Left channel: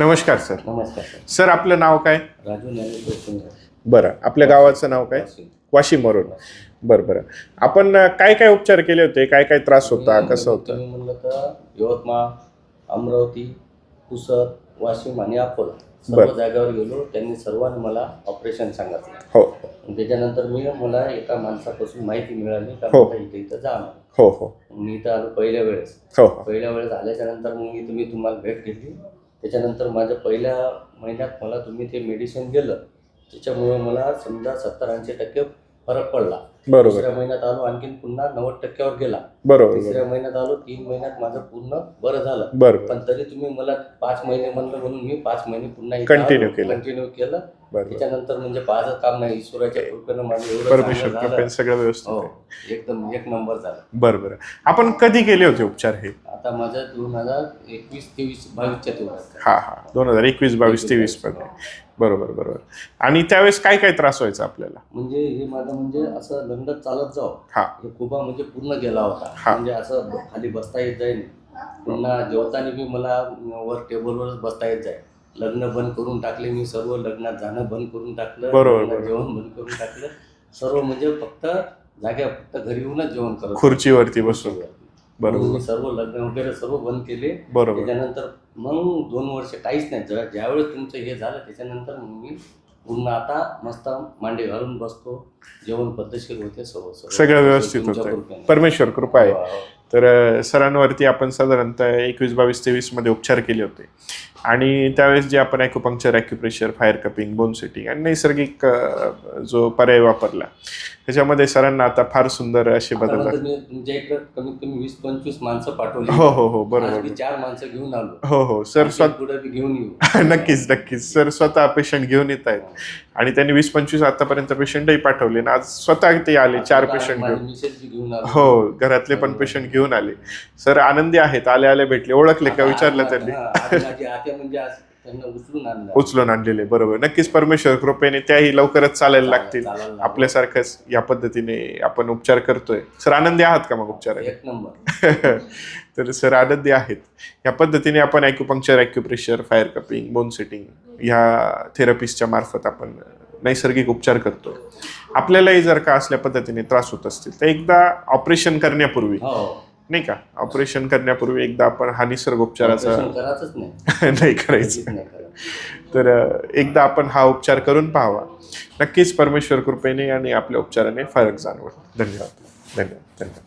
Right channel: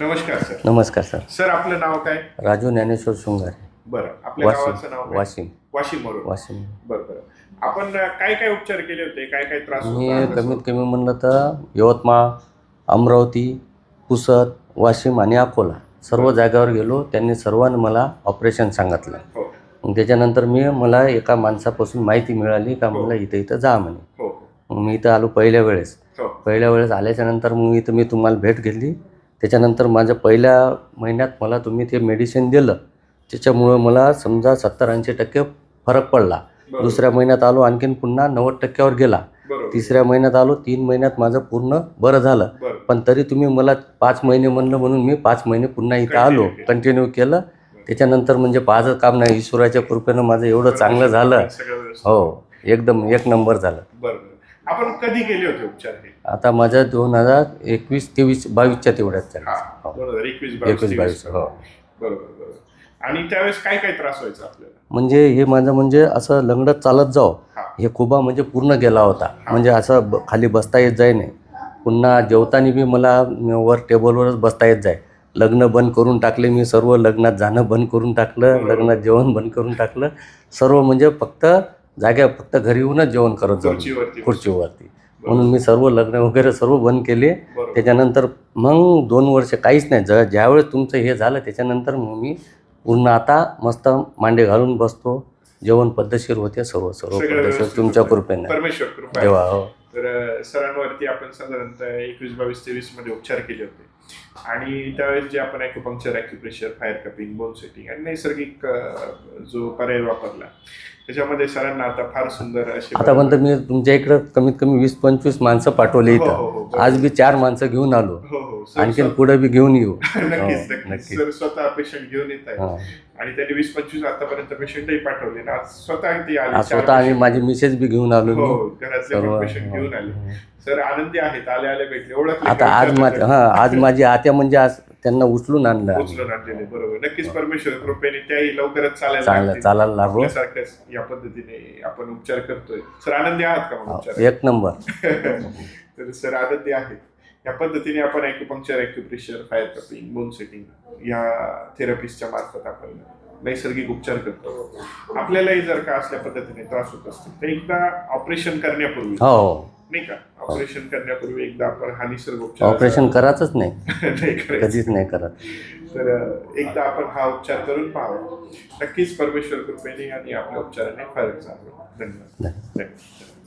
नमस्कार सर. नमस्कार sir. Sir आपलं नाव काय? राजू ज्ञानेश्वर शृंगारे बरं आपल्या वाशिम. गावाचं नाव काय? वाशिम. वाशिम वरून. वाशिम. बरं बरं. आपण अं, काय काय उपचार केले होते? काय काय त्रास होता? कसं कमीत होतं? कमी म्हणलं तर यवतमाळ अमरावती पुसद वाशिम आणि अकोला सर्व बरं. जागेवर गेलो. त्यांनी सर्वांनी मला ऑपरेशन सांगितलं. हो. मग त्याच्यानंतर मी मला एका माणसापासून माहिती मिळाली का हो. मला इथं इथं जा म्हणे. हो हो. मग मी इथं आलो पहिल्या वेळेस. हो हो. पहिल्या वेळेस आल्याच्यानंतर मग इथं मी तुम्हाला भेट घेतली. त्याच्यानंतर माझ्या पहिल्या महिन्यात मला तुम्ही ते मेडिसिन दिलं. त्याच्यामुळं मला समजा सत्तर ऐंशी टक्के फरक पडला. दुसऱ्या महिन्यात आलो आणखीन पुन्हा नव्वद टक्क्यावर गेला. तिसऱ्या महिन्यात आलो तीन महिन्यात माझं पूर्ण बरं झालं. पण तरी तुम्ही मला पाच महिने म्हणलं म्हणून मी पाच महिने पुन्हा इथं आलो. कंटिन्यू केलं. त्याच्यानंतर म्हणजे पाचच काम नाही ईश्वराच्या कृपेनं माझं एवढं चांगलं झालं. सगळं हो एकदम एक नंबर झालं. बरं बरं. आपण कधी केले होते उपचार हे? आता माझं दोन हजार एकवीस तेवीस बावीसच्या तेवढ्यात. हा हा. दोन हजार एकवीस बावीस तेवीस हो. बरोबर बरोबर. आणि त्यावेळेस काय काय त्रास व्हायचा आपल्याला? म्हणजे हे माझं म्हणजे असं लंगडत चालत जाऊ हा. हे खुबा म्हणजे पूर्ण गेला होता. हा. म्हणजे असं खाली बसता येत जाय नाही. पुन्हा जेवताना बी मला वर टेबलवरच बसता येत जाय. लग्न बंद करून टाकले मी सर्व लग्नात जाणं बंद करून टाकलं लग्नात. जेवण बंद करून टाकलं. सर्व म्हणजे फक्त जाग्या फक्त घरी येऊनच जेवण करत. खुर्चीवरती खुर्चीवरती. म्हणून मी सर्व लग्न वगैरे सर्व बंद केले. त्याच्यानंतर मग दोन वर्ष काहीच नाही ज ज्यावेळेस तुमचं हे झालं त्याच्यानंतर मग मी पूर्ण आता मस्त मांडे घालून बसतो. जेवण पद्धतशीर होते सर्व सर्व सगळं व्यवस्थित तुमच्या होतंय. कृपेने परमेश्वर कृपा आहे देवा, हो. तर अ, सरांवरती आपण साधारणतः एकवीस बावीस तेवीसमध्ये उपचार केले होते आणि त्यावेळेस जे आपण acupuncture acupressure fire cupping bone setting आणि नैसर्गिक अ, जो पर्याय वापरला त्याच्यामध्ये सरांना आता फार सुंदर असे आतापर्यंत मी तुमच्या इकडे कमीत कमी वीस पंचवीस माणसं पाठवली हो. हो हो बरोबर. आज मी चार माणसं घेऊन आलो हो हो सर आणखी पुढे बी घेऊन येऊ नक्कीच हो, नक्कीच सर स्वतः पेशंट घेऊन येत आहेत हा. आणि त्यांनी वीस पंचवीस आतापर्यंत पेशंटही पाठवले आणि आज स्वतः ते आले चार पेशंट माझी मिसेस बी घेऊन आलो हो घरातले पण. पेशंट घेऊन आले. सर आनंदी आहेत आले आले भेटले ओळखले का आज विचारलं? हा माझी आत्या म्हणजे आज त्यांना उचलून आणलं. उचलून आणलेले बरोबर. नक्कीच परमेश्वर कृपेने त्याही लवकरच चालायला लागतील. आपल्यासारखंच या पद्धतीने आपण उपचार करतोय. सर आनंदी आहात का मग उपचार एक नंबर. तर सर आनंदी आहेत. या पद्धतीने आपण acupuncture acupressure fire cupping bone setting ह्या थेरपिस्टच्या मार्फत आपण नैसर्गिक उपचार करतो. आपल्यालाही जर का असल्या पद्धतीने त्रास होत असतील तर एकदा ऑपरेशन करण्यापूर्वी हो. नाही का? ऑपरेशन करण्यापूर्वी एकदा आपण हा निसर्ग उपचाराचा ऑपरेशन करायचंच नाही. नाही करायचं. कधीच नाही करत. तर एकदा आपण हा उपचार करून पाहावा. नक्कीच परमेश्वर कृपेने आणि आपल्या उपचाराने फरक जाणवेल. धन्यवाद. धन्यवाद. धन्यवाद.